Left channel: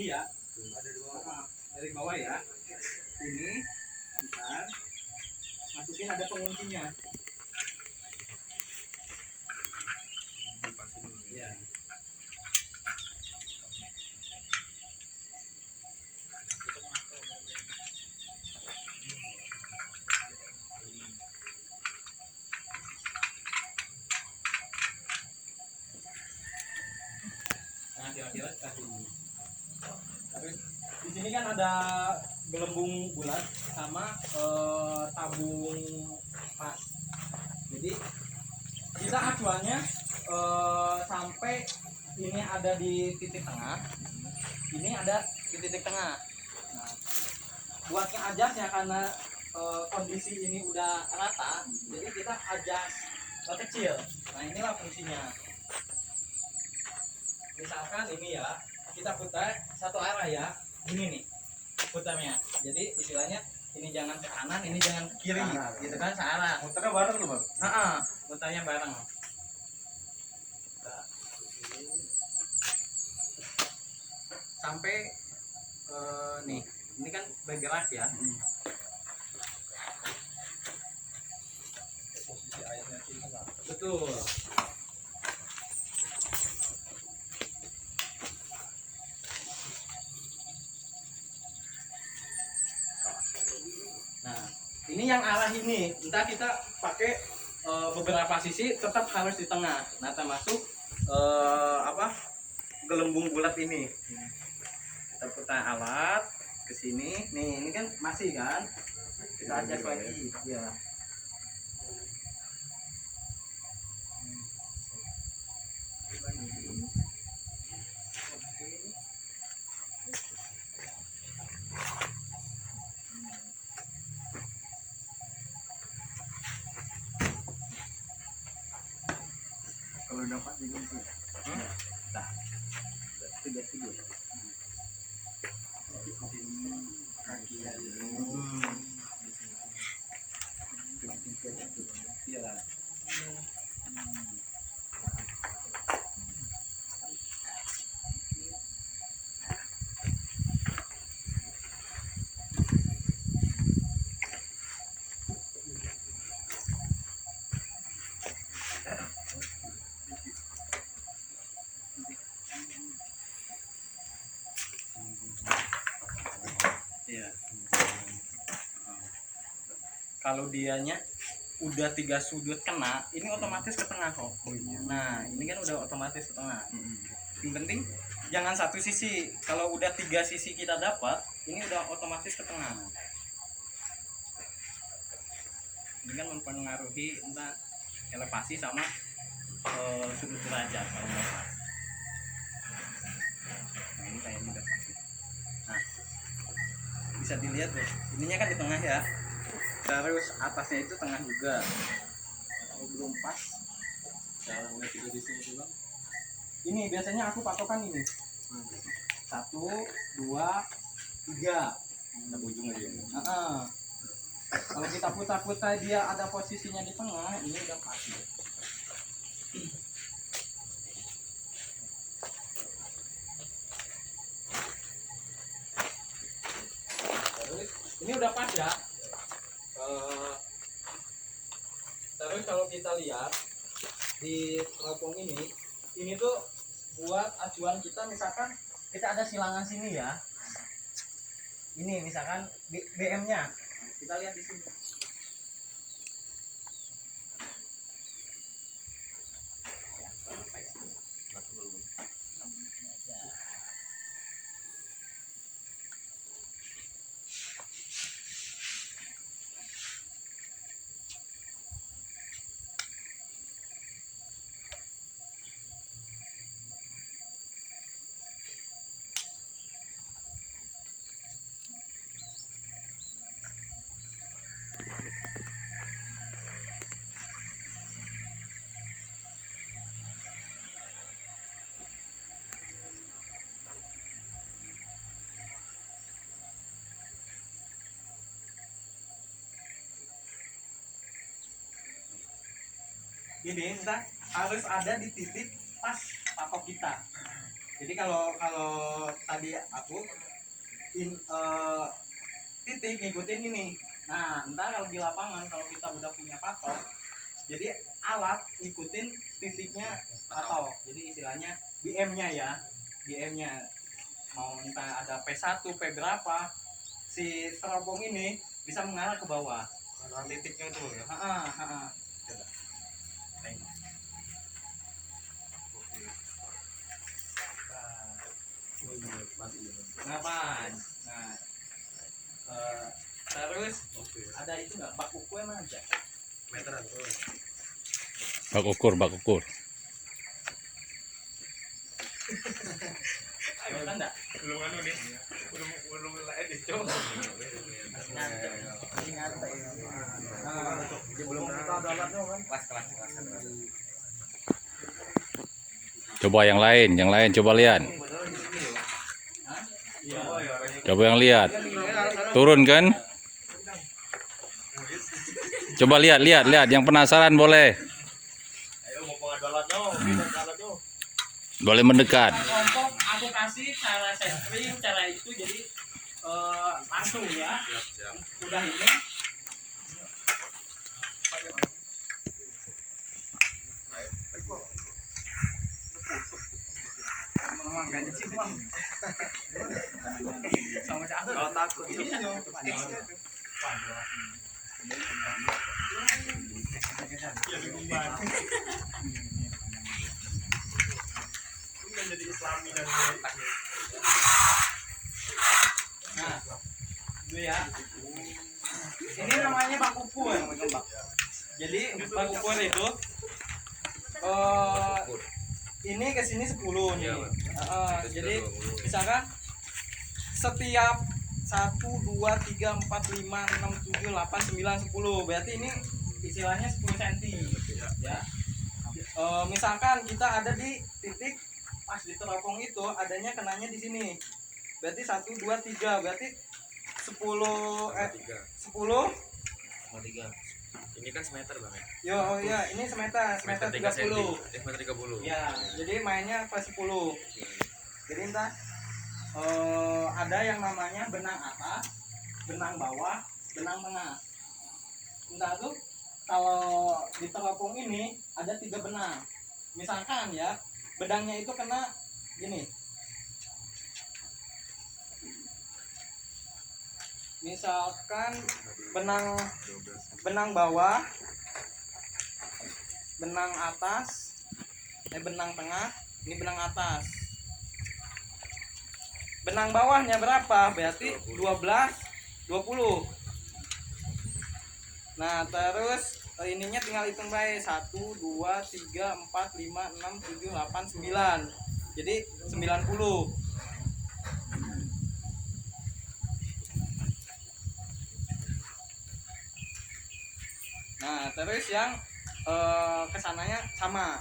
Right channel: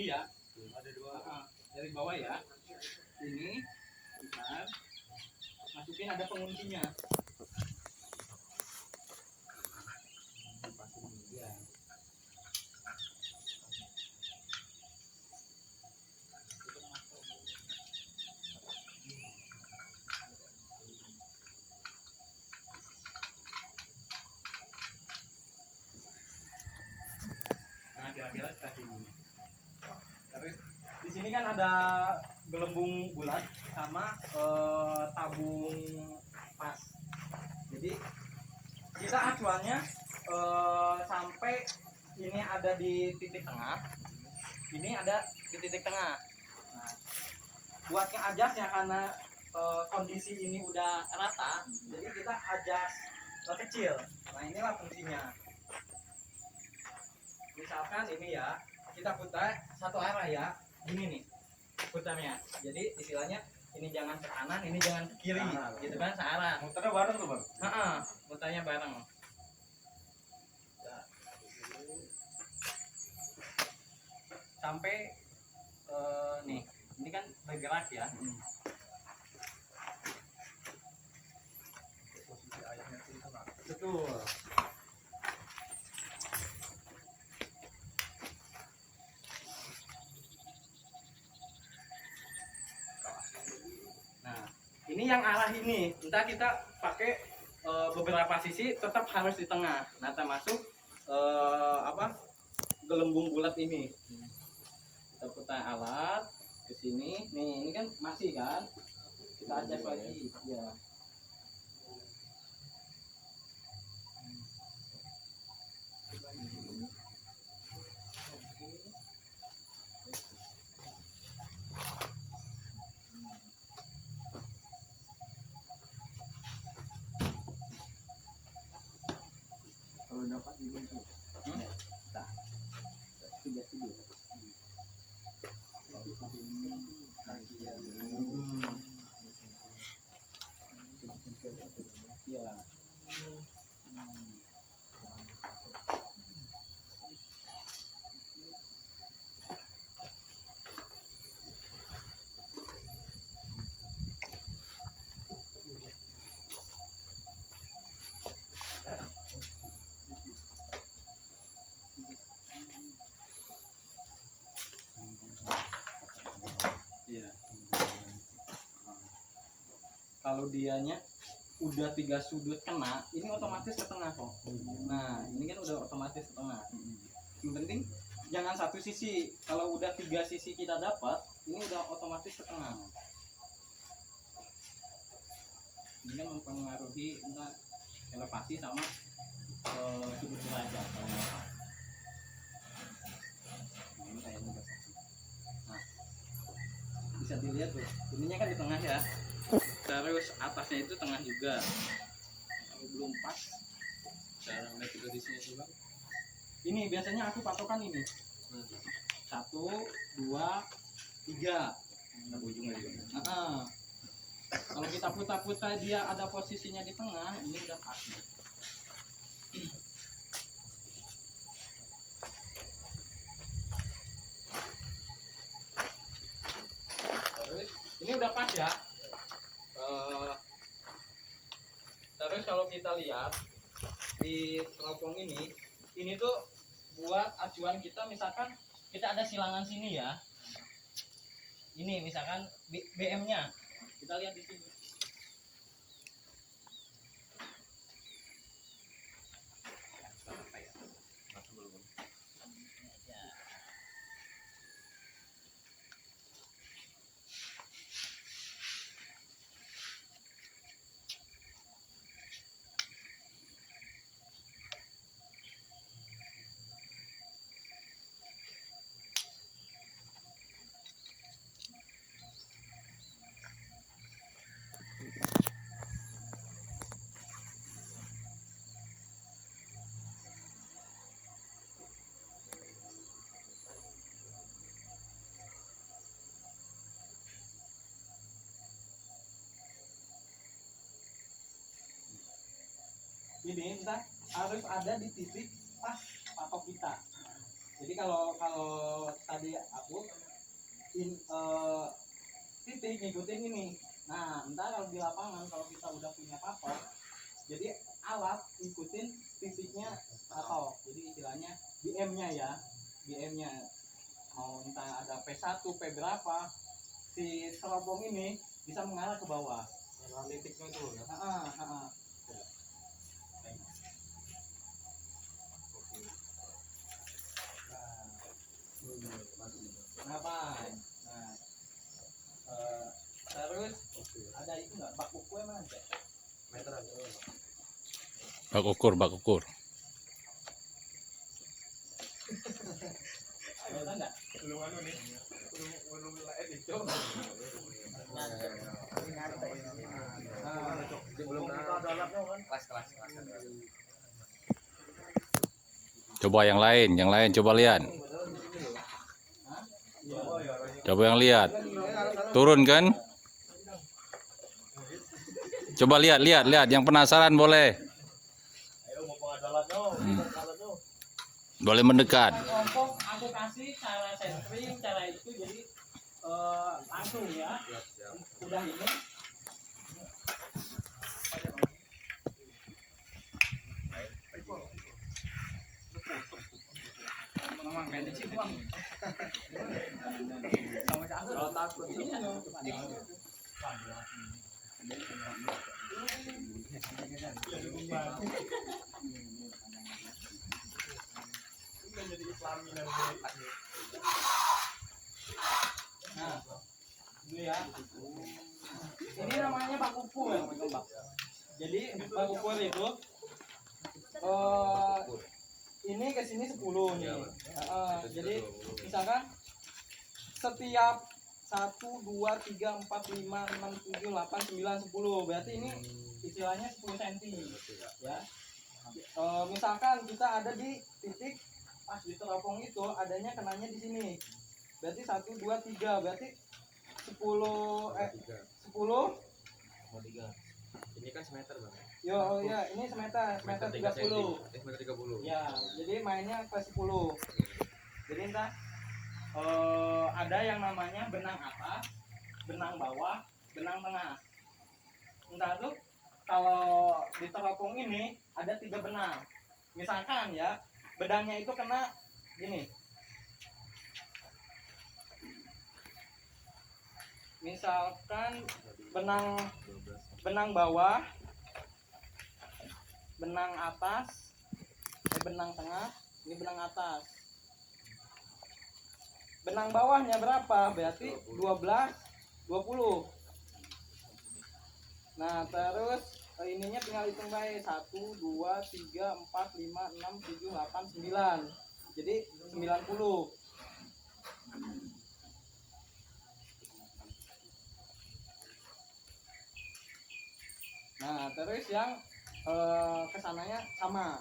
ini ya. Ada dua. Dari bawah ya. Ini bentar. Masukin ada penguncinya. Ya. Nah, kira-kira seperti ini. Terus di sini kan ada gelembung bulat sama tabung pas. Jadi kita acuannya sampai ini ada di titik tengah, ini ada di titik tengah. Nah, buatnya adjustnya karena kondisi ini udah rata, jadi kita adjust kecil. Nah, inilah fungsinya. Misalkan ini ya, kita putar satu arah ya, ini nih putarnya. Jadi istilahnya ini jangan ke kanan, ini jangan ke kiri, gitu kan, searah. Muternya bareng loh bang. Putarnya bareng. Sampai nih, ini kan bergerak ya. Posisi airnya itu tengah. Betul. Nah, ini yang arah ini. Entah kita pakai beberapa sisi, tetap harus di tengah. Nah, termasuk gelembung bulat ini. Kita putar alat ke sini. Nih, ini kan masih kan? Kita adjust lagi. Ya. Kalau dapat di sini. Nah, Tidak tidur. Iya. Iya. Kalau dianya udah 3 sudut kena, ini otomatis ke tengah kok. Nah, ini kan udah otomatis ke tengah. Yang penting jangan satu sisi. Kalau udah 3 sisi kita dapat, ini udah otomatis ke tengah. Ini kan mempengaruhi entah elevasi sama sudut derajat kalau nggak pas. Nah, ini kayak udah pasti. Nah, bisa dilihat tuh, ininya kan di tengah ya. Terus atasnya itu tengah juga. Kalau belum pas, cara lihat juga di sini dulu. Ini biasanya aku patokan ini. 1, 2, 3. Kita ujung aja. Kalau kita putar-putar dia ada posisinya di tengah, ini udah pas. Terus ini udah pas ya. Terus kalau kita lihat di teropong ini tuh buat acuan kita, misalkan kita ada silangan sini ya. Ini misalkan BM-nya. Kita lihat di sini. Ini entah harus ada di titik pas patok kita. Jadi kalau kalau tadi aku titik ngikutin ini. Nah, ntar kalau di lapangan kalau kita udah punya patok, jadi alat ngikutin titiknya patok. Jadi istilahnya BM-nya ya, BM-nya mau entah ada P1, P berapa, si teropong ini bisa mengarah ke bawah. Titiknya itu ya. Coba. Nah, pas. Nah, terus ada itu nggak bak ukur mana aja? Meteran. Bak ukur, bak ukur. Ayo kan enggak? Belum anu nih. Belum edit, Cok. Ingat. Belum kelas. Coba yang lain coba lihat. Coba yang lihat. Turun kan? Coba lihat, yang penasaran boleh. Ayo mau pengadolat Boleh mendekat. Kelompok aku kasih cara sampling, cara itu jadi langsung ya. Siap. Udah ini. Memang gak ada simpang. Sama si Ahmad. Kalau takut itu menjadi Islami dan Nah, itu ya. Ini namanya bak ukur. Jadi bak ukur itu ini ke sini 10 nih. Jadi misalkan setiap 1 2 3 4 5 6 7 8 9 10. Berarti ini istilahnya 10 cm. Ya. Misalkan kita ada di titik pas di teropong itu adanya kenanya di sini. Berarti 1 2 3 berarti 10 10 ini kan semeter bang ya. Yo, oh ya, ini semeter 30. Meter 30. Ya, jadi mainnya pas 10. Jadi entah ada yang namanya benang atas, benang bawah, benang tengah. Entah tuh kalau di teropong ini ada 3 benang. Misalkan ya, benangnya itu kena gini. Misalkan benang bawah, benang atas, benang tengah, ini benang atas. Benang bawahnya berapa? Berarti 12, 20. Nah, terus ininya tinggal hitung baik 1 2 3 4 5 6 7 8 9. Jadi 90. Nah, terus yang kesananya sama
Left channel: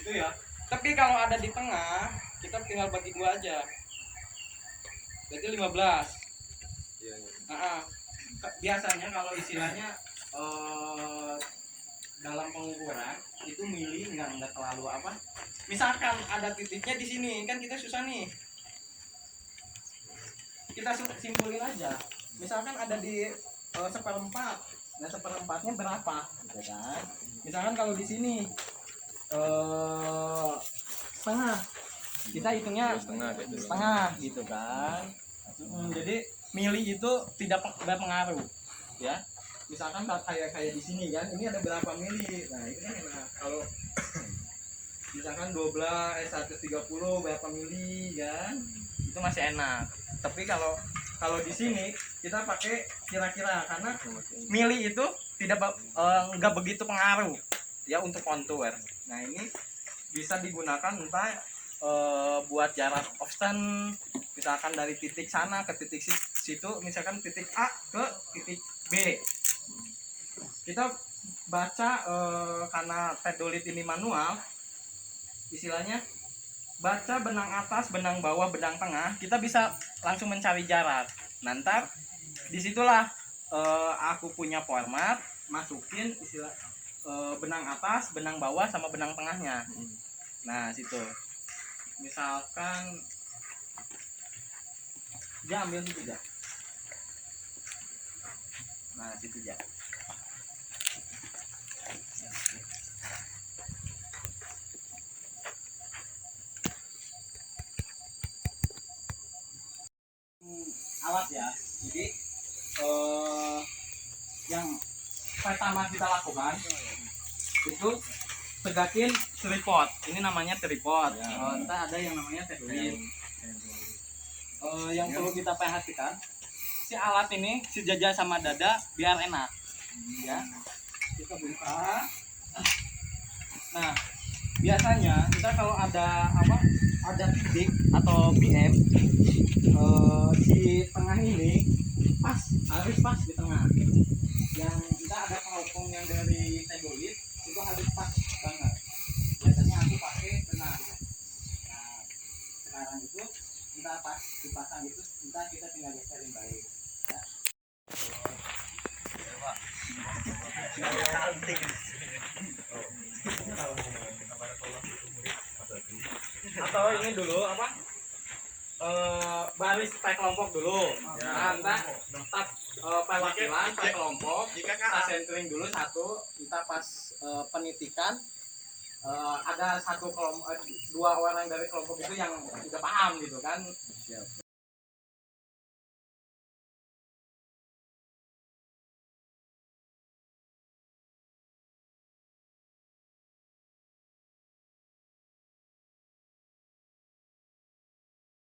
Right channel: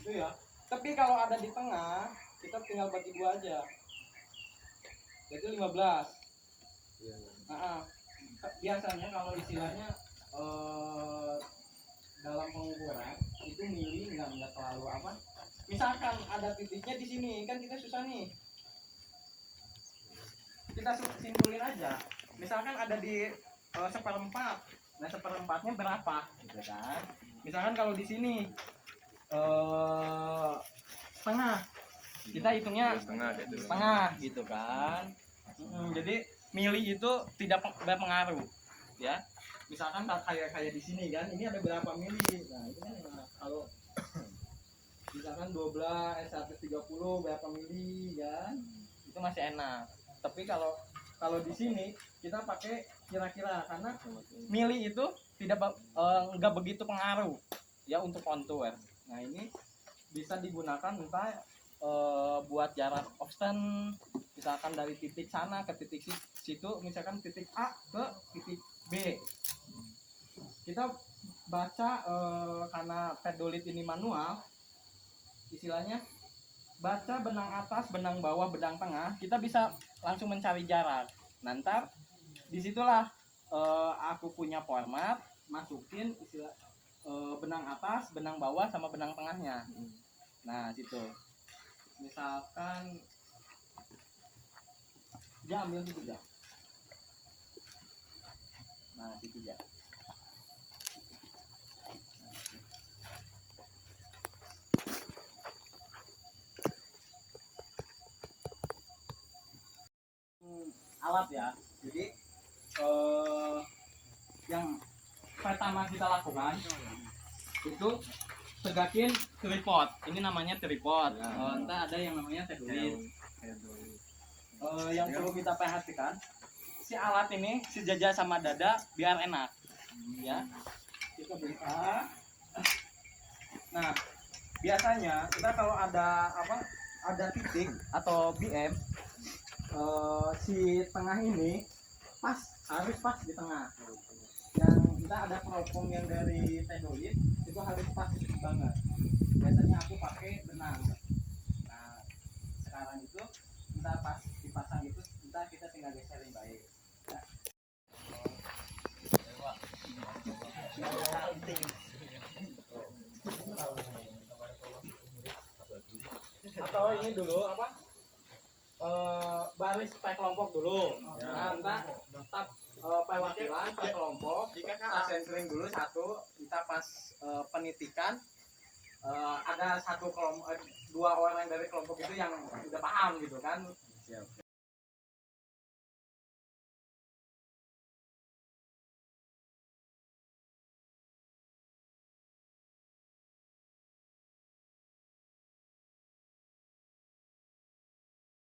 gitu ya. Tapi kalau ada di tengah kita tinggal bagi 2 aja, berarti 15. Iya. Nah, biasanya kalau istilahnya dalam pengukuran itu mili nggak terlalu apa. Misalkan ada titiknya di sini kan kita susah nih, kita simpulin aja. Misalkan ada di seperempat, nah seperempatnya berapa gitu kan. Misalkan kalau di sini setengah, kita hitungnya setengah gitu kan. Jadi mili itu tidak pengaruh ya. Misalkan kayak di sini kan, ini ada berapa mili. Nah ini kan kalau misalkan 130 berapa mili kan, itu masih enak. Tapi kalau di sini kita pakai kira-kira, karena mili itu nggak begitu pengaruh ya untuk kontur. Nah ini bisa digunakan entah buat jarak offstand, misalkan dari titik sana ke titik situ, misalkan titik A ke titik B. Kita baca karena pedolit ini manual, istilahnya baca benang atas, benang bawah, benang tengah, kita bisa langsung mencari jarak. Nanti disitulah aku punya format, masukin istilah benang atas, benang bawah, sama benang tengahnya. Nah, situ. Misalkan dia ambil situ aja. Nah, situ aja. Alat ya. Jadi yang pertama kita lakukan itu tegakin tripod. Ini namanya tripod. Entah ada yang namanya tagline. Yang perlu kita perhatikan, si alat ini sejajar sama dada biar enak. Ya, kita buka. Nah, biasanya kita kalau ada ada titik atau PM, si tengah ini harus pas di tengah. Yang kita ada keropong yang dari tegolit itu harus pas banget. Biasanya aku pakai benang. Nah, sekarang itu kita pas dipasang itu kita tinggal geserin baik. Ya. Atau ini dulu baris pakai kelompok dulu. Nah, tetap perwakilan pakai kelompok. Kita centering dulu satu. Kita pas penitikan ada dua orang dari kelompok itu yang udah paham gitu kan.